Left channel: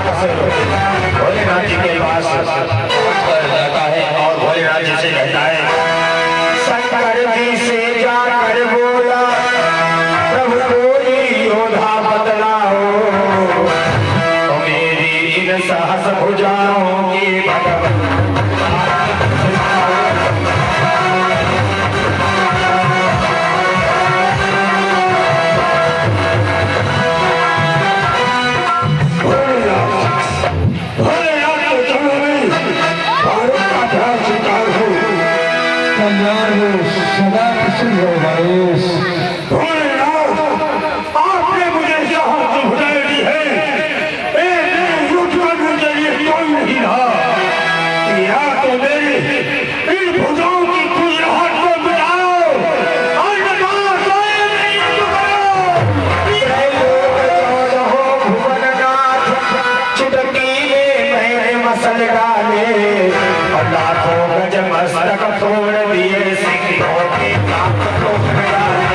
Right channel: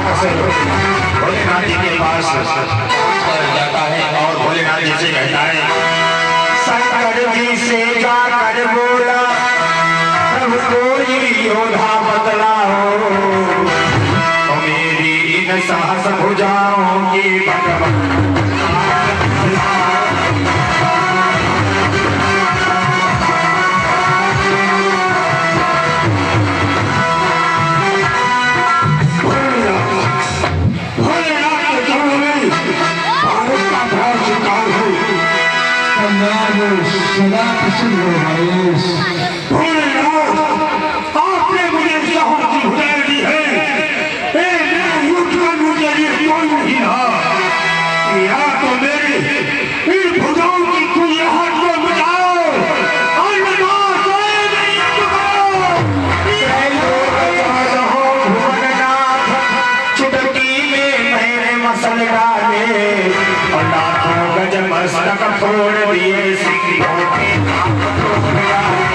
वहां से भोलेनाथ जी के पास जाता है और भोलेनाथ जी से कहता है, शंकर जी से जाकर बोला प्रभु कोई योधा बदला हो, तो मेरी इन साहस भुजाओं की भगवान सदा प्रसन्न हो महेश। आपने मुझे साहस भुजाई दी है, कोई नहीं रहा, या तो मेरी इन भुजाओं की खुजलाहट को मिटाओ, चुटकी में मैंने मसल डाले, लाखों गज मस्तक फोड़ दिए, सिंहों के दांत तोड़ डाले।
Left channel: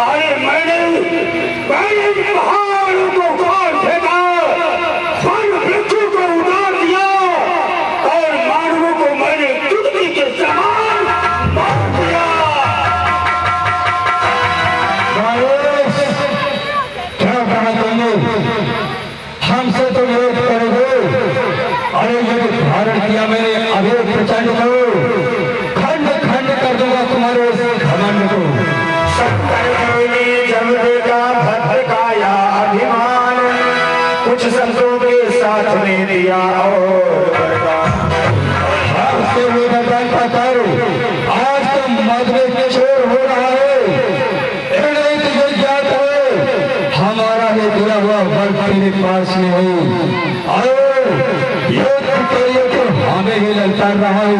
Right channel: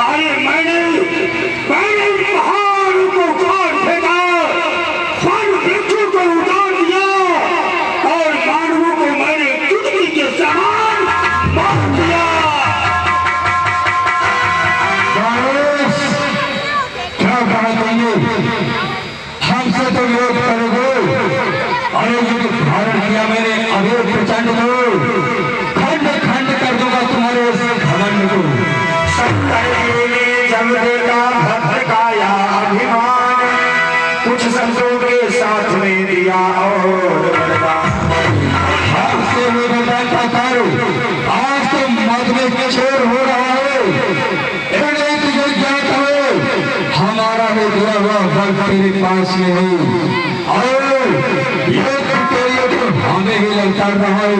अरे मैंने पहाड़ को काट फेंका, वन वृक्षों को उतार दिया और मानवों को मैंने चुटकी के समान मार दिया। क्या कहना चाहिए, हमसे तो विरोध करोगे, अरे जो धारण किया मैंने अरे प्रचंड को खंड खंड कर दूंगा तुम्हारे इस घमंड को। शंकर जी ने जब देखा भद्र काया अभिमान, कुछ शब्दों के साथ में दिया और बरदान। आपसे वो बदलता करो, आज तो मद में चोर हो रहा है, नहीं तुझे ज्ञात है हमारा वो बुरा हुआ वक्त तेरे पास में है, और ये तो हमें ही ललकार रहा है,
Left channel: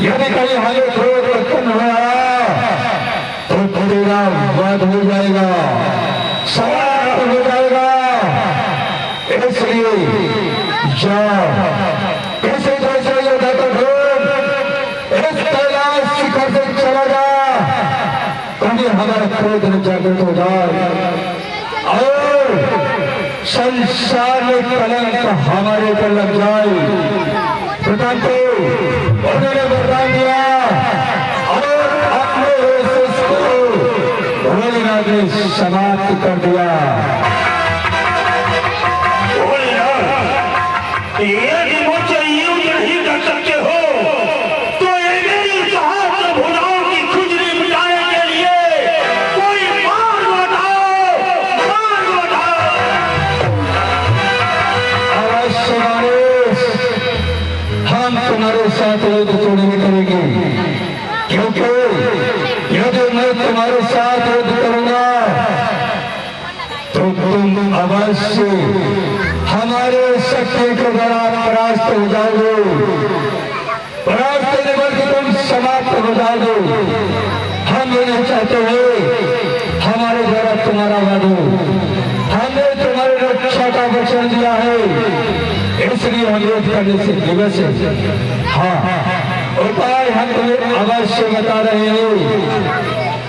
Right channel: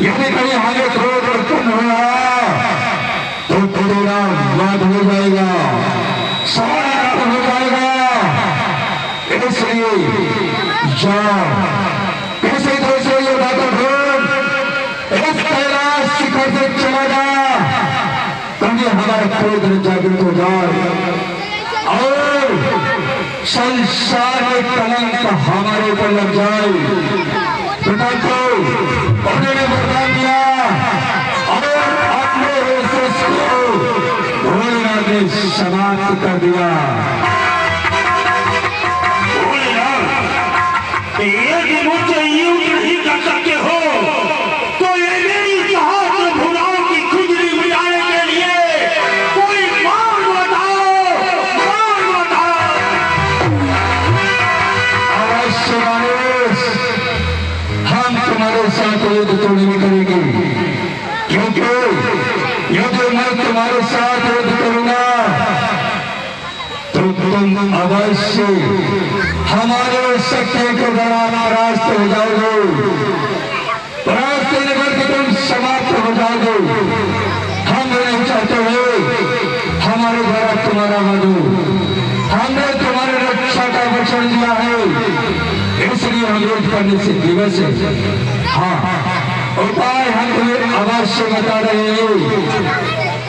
यदि कहीं हमें क्रोध उत्पन्न हो रहा तो तेरा वाद हो जाएगा, सवाल हो जाएगा। इसलिए जाओ किसी दूसरे योद्धा को ढूंढ, इस कैलाश शिखर से चला जा, तभी हमारा क्रोध जागृत हो जाए और संसार में कलंक हमारे ऊपर लग जाए। तो उन्होंने वरदान दिया और अपने भोलेनाथ ने समाप्त कर दिया। यदि मुझे यूं नहीं कर सकते हो तो ये मेरी साहस भुजाओं की खुजली मिटाने के लिए कोई मार्ग बताओ, मार्ग बताओ। अवश्य गणेश, हम तुम्हारे साथ युद्ध तो नहीं करेंगे, क्योंकि यदि मैं तुम्हारे साथ युद्ध करूंगा तो तुम अवश्य हमारे सत्य को द्वारा परास्त हो जाओगे, परास्त नगर के तुम समाप्त हो जाओगे। हम नहीं चाहते हो हमारे द्वारा तुम्हारा वध हो, हमने तुम्हारे रक्षा का वचन दिया है, इसलिए हम युद्ध करने से दिवस है। हाँ, उपाय हम तुम्हें अवश्य बता रहे हैं।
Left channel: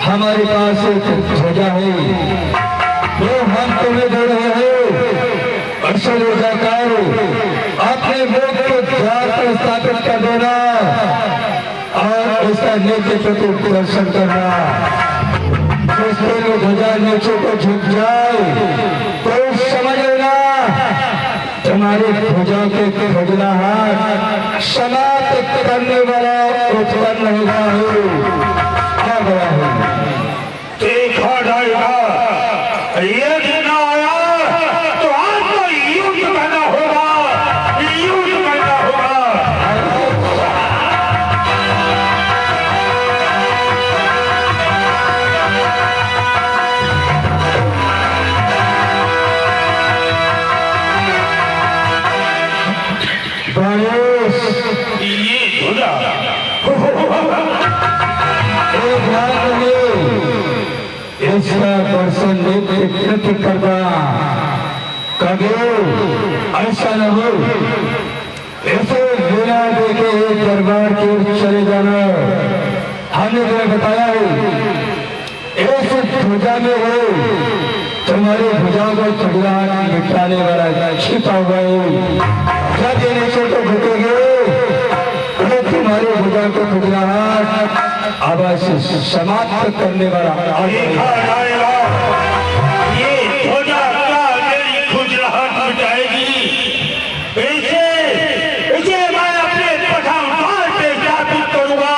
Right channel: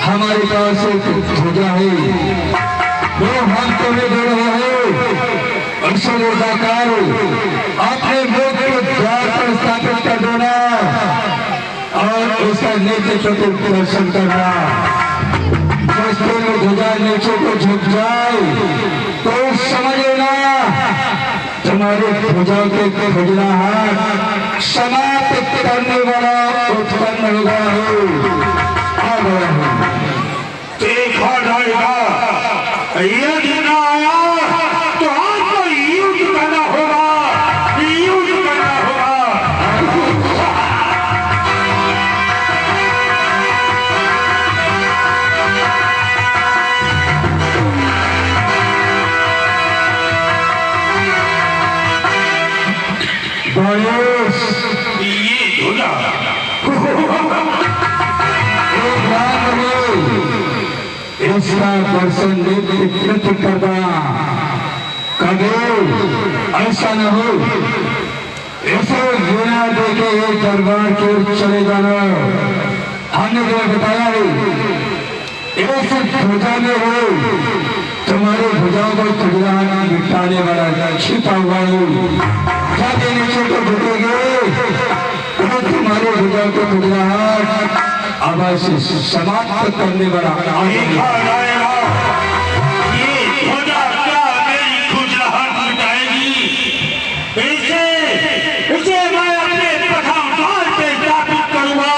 हमारे पास एक ध्वजा है जो हम तुम्हें दे रहे हैं, जाकर अपने मुख के द्वार पर स्थापित कर देना और उसका नेतृत्व को दर्शन करना। जिस पर ध्वजा नीचे को झुक जाए तो समझ लेना तुम्हारे ध्वजाओं के खुजलाहट समाप्त करने वाला उत्पन्न हुआ है। देखा जाएगा, यदि ना आया तो आपको युद्ध करना होगा, युद्ध करना होगा। गणेश, ये ध्वजा इसका दर्शन नित्य करना, कभी ऐसा न हो इसे बिना देखे दरबार की ओर चले जाना। हमने तुम्हें बताया है इस ध्वजा में हो तुम्हारे भुजाओं को खुजलाहट मिटाने वाला छिपा हुआ हो। जब ये नीचे को झुकेंगे तो तुम्हारे भुजाओं को खुजलाहट आवाज से समाप्त करने वाला ये ध्वजा क्या मेरी खुजलाहट मिटाएगी? इसे मैं अपने प्रथम द्वार पे स्थापित करूंगा,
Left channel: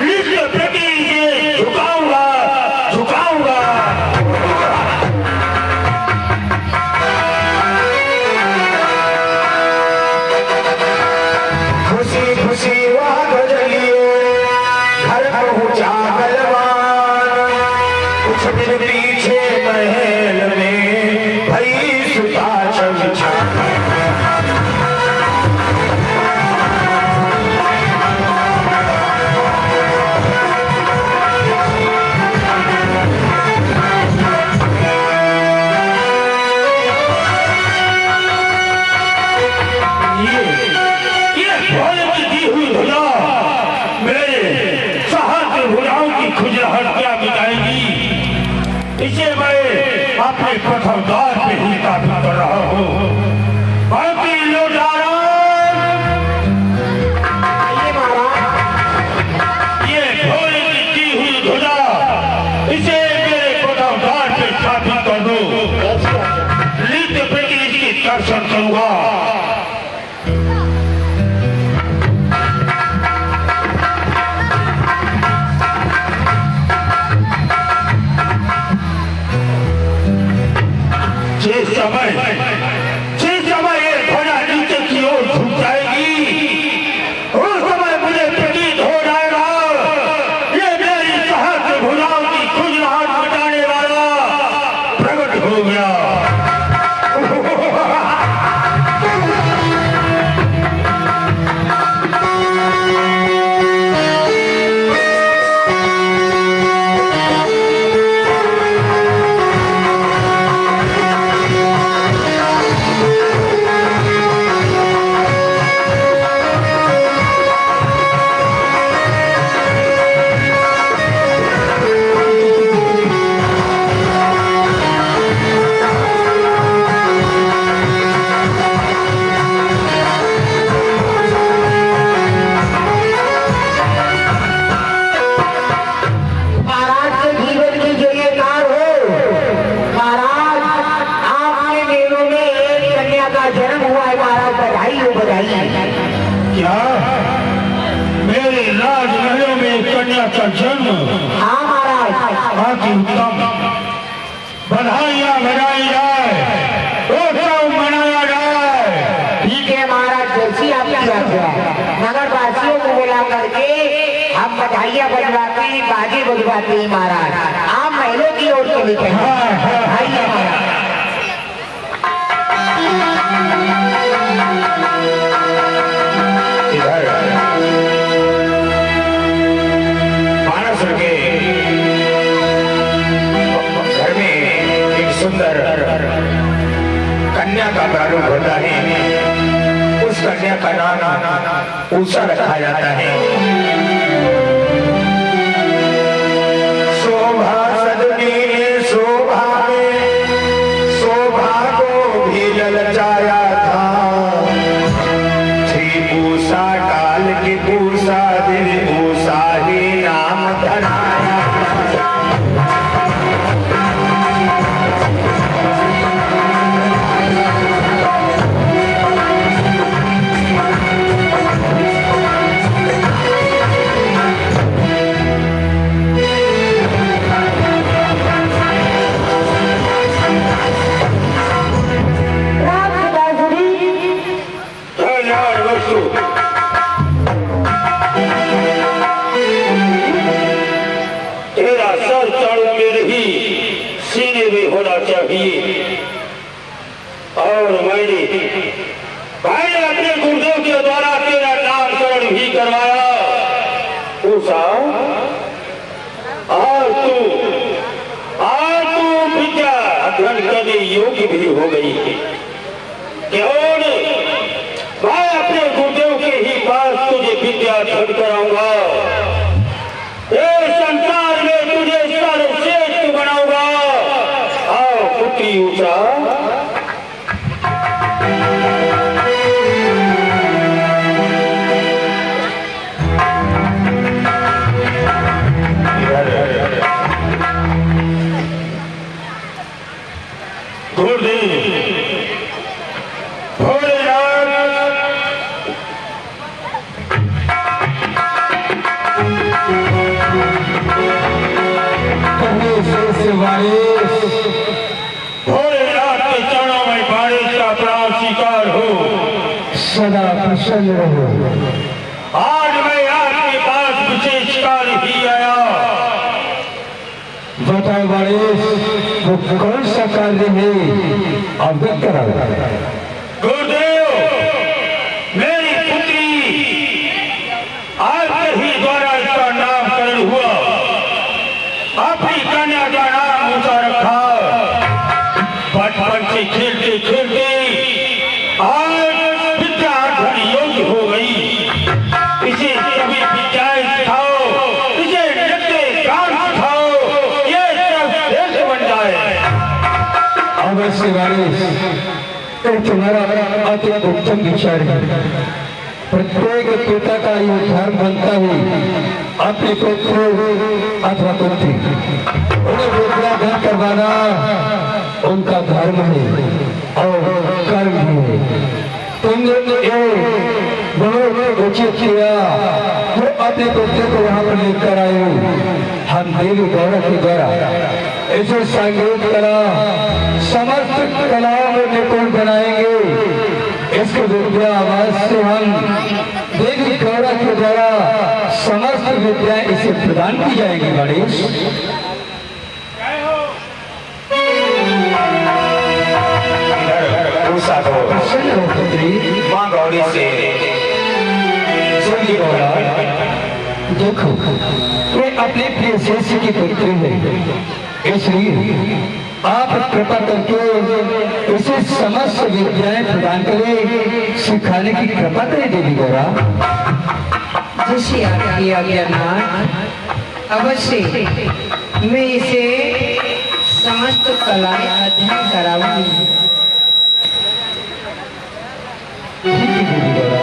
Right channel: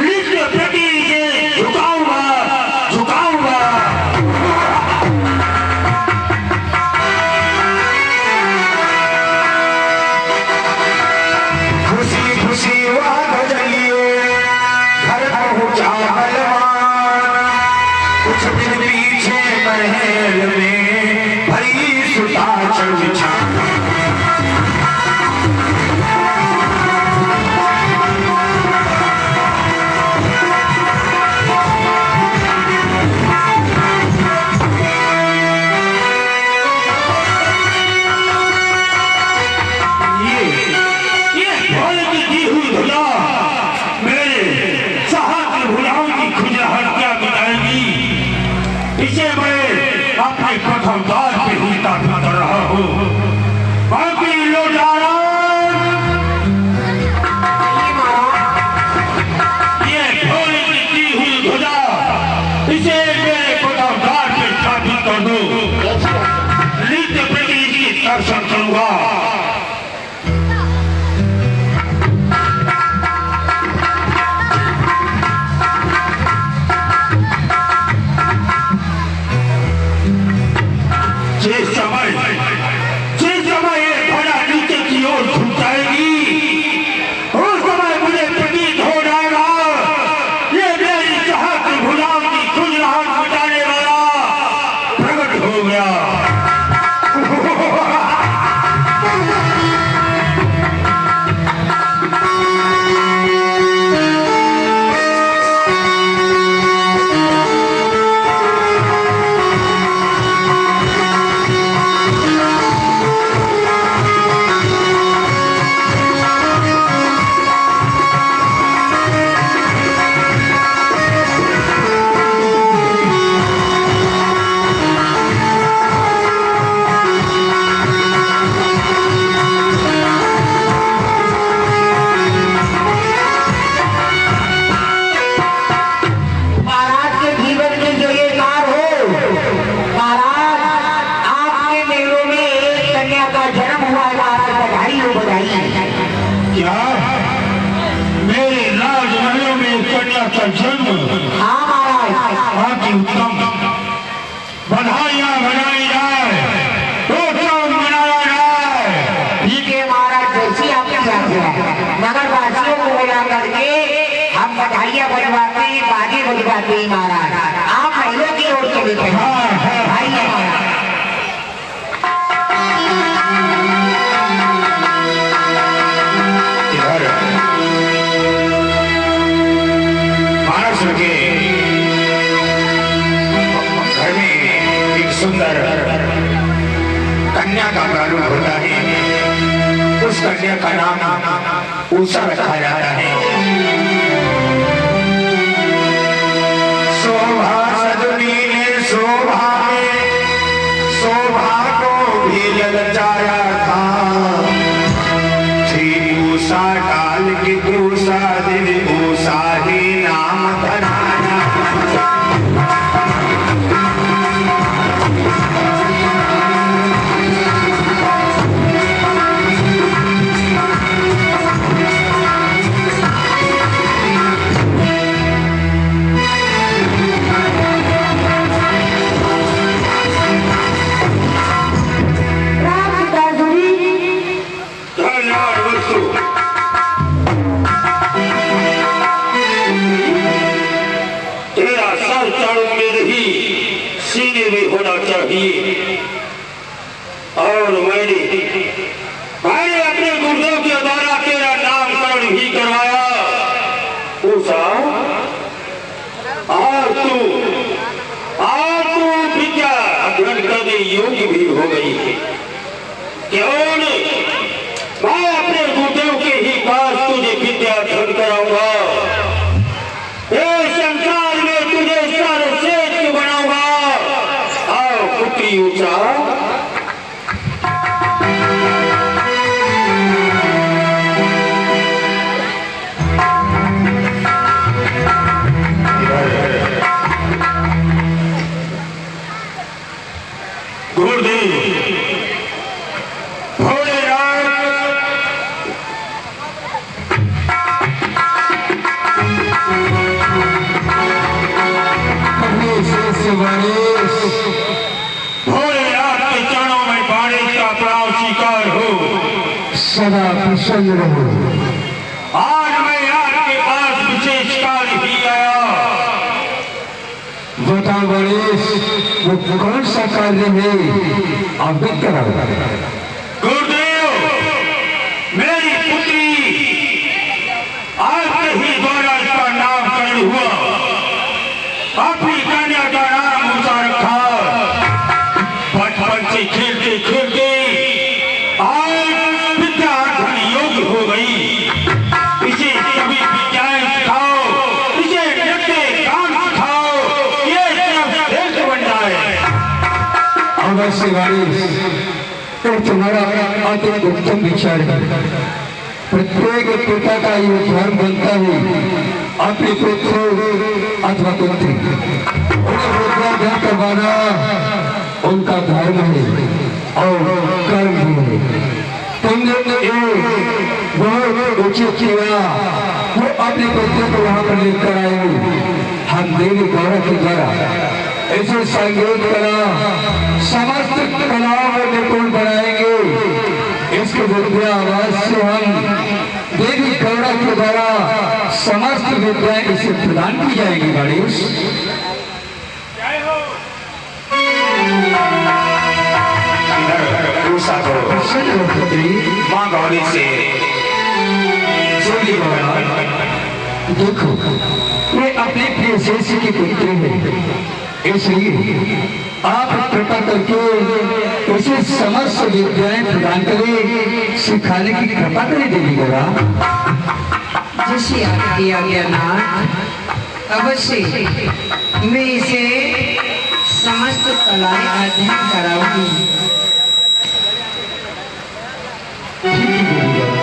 नित्य प्रति इसे झुकाऊंगा। खुशी खुशी वाद जलिए घर पहुंचा बलवान, कुछ दिन पीछे महल में भई सुता चमचा। ये घोड़े की दी हुई धुला मेरे सहस्त्र भुजाओं की खुजलाहट क्या मिटाएगी? इसे मैं अपने प्रथम द्वार पे ही स्थापित कर रहा हूँ। बाकी लोग ये घोड़े की दी हुई धुला इसे मेरे प्रथम द्वार पे स्थापित कर दो, नित्य प्रति इसकी दर्शन करूंगा। जिस समय ये ध्वजा नीचे की ओर झुक जाएगी उस समय मुझे प्रतीत हो जाएगा ये मेरी सहस्त्र भुजाओं की खुजलाहट मिटाने वाला प्रकट हो गया। क्या मेरे राजमहलों में कन्या का जन्म? हाँ महाराज। अति उत्तम, बधाइयाँ बजाई जाए, उत्सव मनाया जाए। ठीक है महाराज, जैसी आपकी आज्ञा। नगर वासियों को बुला करके हम बधाइयाँ बजवाते बाजे बजवाते हैं महाराज। आप महलों की ओर चले गए। बधाइयाँ महाराज। इधर मानस के घर में एक सुंदर कन्या का प्रारूप होता है। उस कन्या का नाम उषा रखा जाता है। शोभा सदनी ने शोभा में शोभा को भी ललचाया था। उषा काल की उषा दिन उषा ही नाम धराया। तेरा सर चारों मेरे ही सीने में होना चाहिए। और मैंने अपने गुरुदेव के द्वारा तेरा नामकरण भी करवाया। उषा, और तू विद्या अध्ययन करने योग्य भी हो गई है। क्यों नहीं? मैं अपने गुरुदेव के ही पास तुझे विद्या अध्ययन कराऊंगा। भोलेनाथ के चरणों में बारिश का प्राण स्वीकार हो। सदा प्रसन्न रहो। आज मैं आपके पास विशेष कार्य ही आया। बताओ गणेश, वो कौन सा कार्य है, अवगत कराओ। गुरुदेव, मेरी पुत्री आपके ही द्वारा इसका नामकरण हुआ। अपनी कन्या का नाम ऊंचा रखा। बचपन से खेलते खेलते आज विद्या धन योग्य हो गई। इसे कभी विद्याएं सिखाओ, इसे नृत्य काम सिखाओ, ये सब श्रेष्ठ बन जाए। अवश्य गणेश, तो तुम्हारा अति उत्तम विचार है। प्रत्येक पिता का ये धर्म बनता है अपने पुत्र अथवा पुत्री उन्हें विद्यादान करवाना उनका धर्म है और कर्म है। तुमने बहुत उचित किया, वो अपने पुत्र को यहाँ पर लेकर आए। हम देवी गौरव के द्वारा ऐसे संगीत कला समस्त कलाओं में निपुण बनाएंगे। इसके विद्या आवाज से हम देवी गौरव के द्वारा समस्त विद्याएं इसे प्रदान की जाएगी। गणेश माँ गौरी से देखो, मैं अपने प्रिय शिष्य की पुत्री है, इसलिए आप कृपा करके उसे समस्त विद्याएं प्रदान करें, सिखाने की कृपा करें देवी गौरा। जैसी आपकी आज्ञानाथ, अवश्य मैं इसे समस्त कलाएं अध्ययन कराऊंगी। ठीक है देवी गौरा।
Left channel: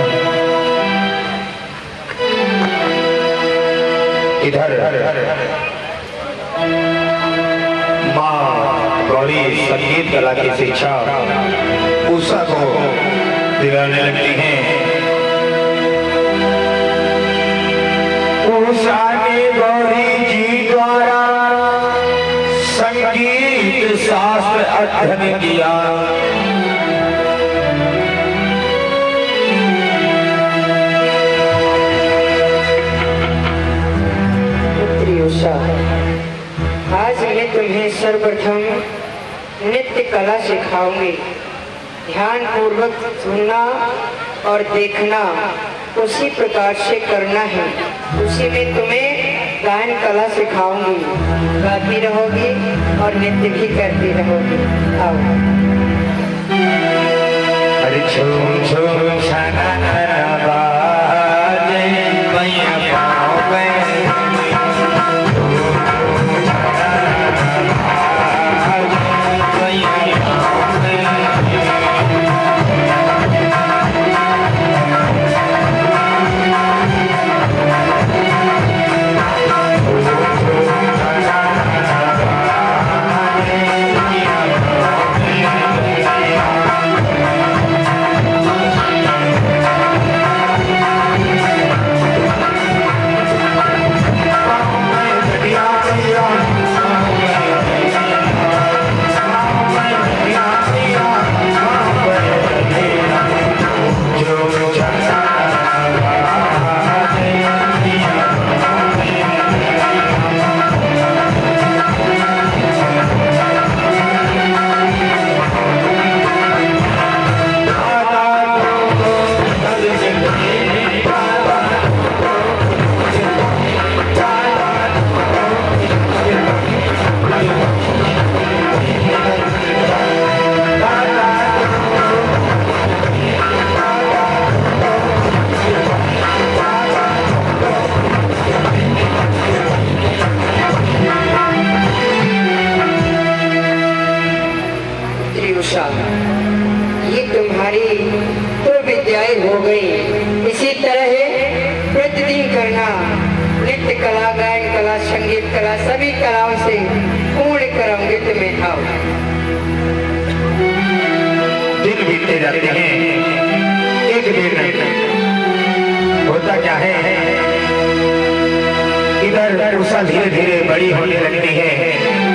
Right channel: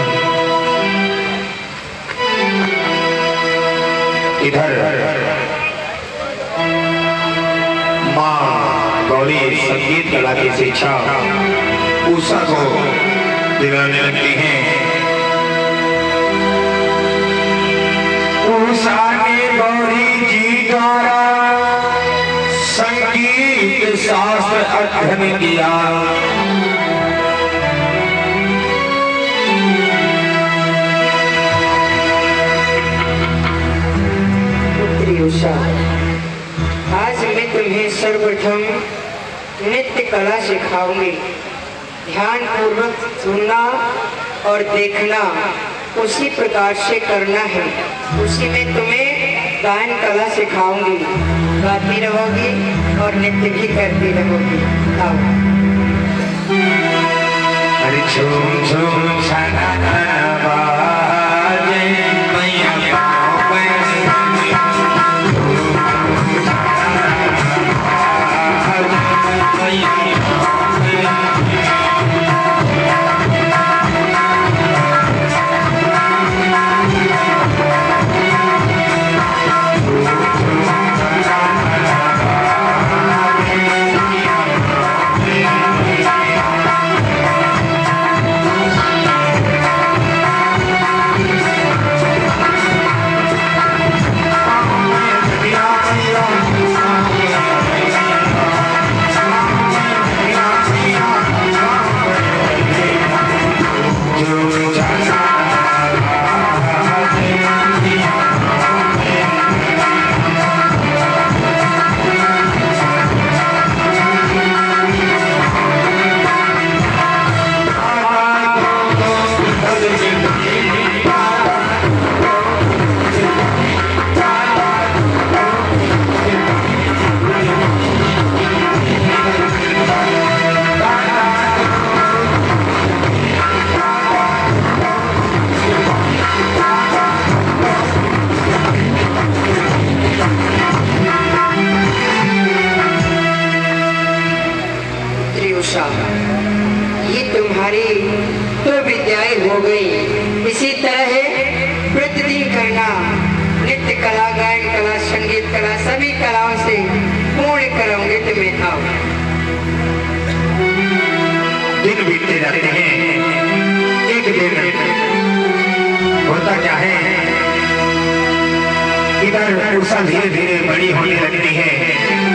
इधर माँ गौरी संगीत कला की शिक्षा उषा को दिलाने लगती हैं। उषा ने गौरी जी द्वारा संगीत शास्त्र अध्ययन किया। उषा, आज मैं तुम्हें सर्वप्रथम नृत्य कला सिखाऊंगी। ध्यान पूर्वक सुनना और देखना उसी प्रकार से करना है। उसी में तुम्हें गायन कला सिखाऊंगी। गाती रहोगी और नृत्य भी करती रहोगी। आओ। अरे झूम झूम शनन बाजे मैया गाँव गए। ये तुम्हारी तो विद्याएं हो गई। इसी तरह प्रतिदिन करना नृत्य कला, गायन कला, संगीत रहे हैं। एक दिन होता क्या है, इधर उषा धीरे धीरे बड़ी होने लगती है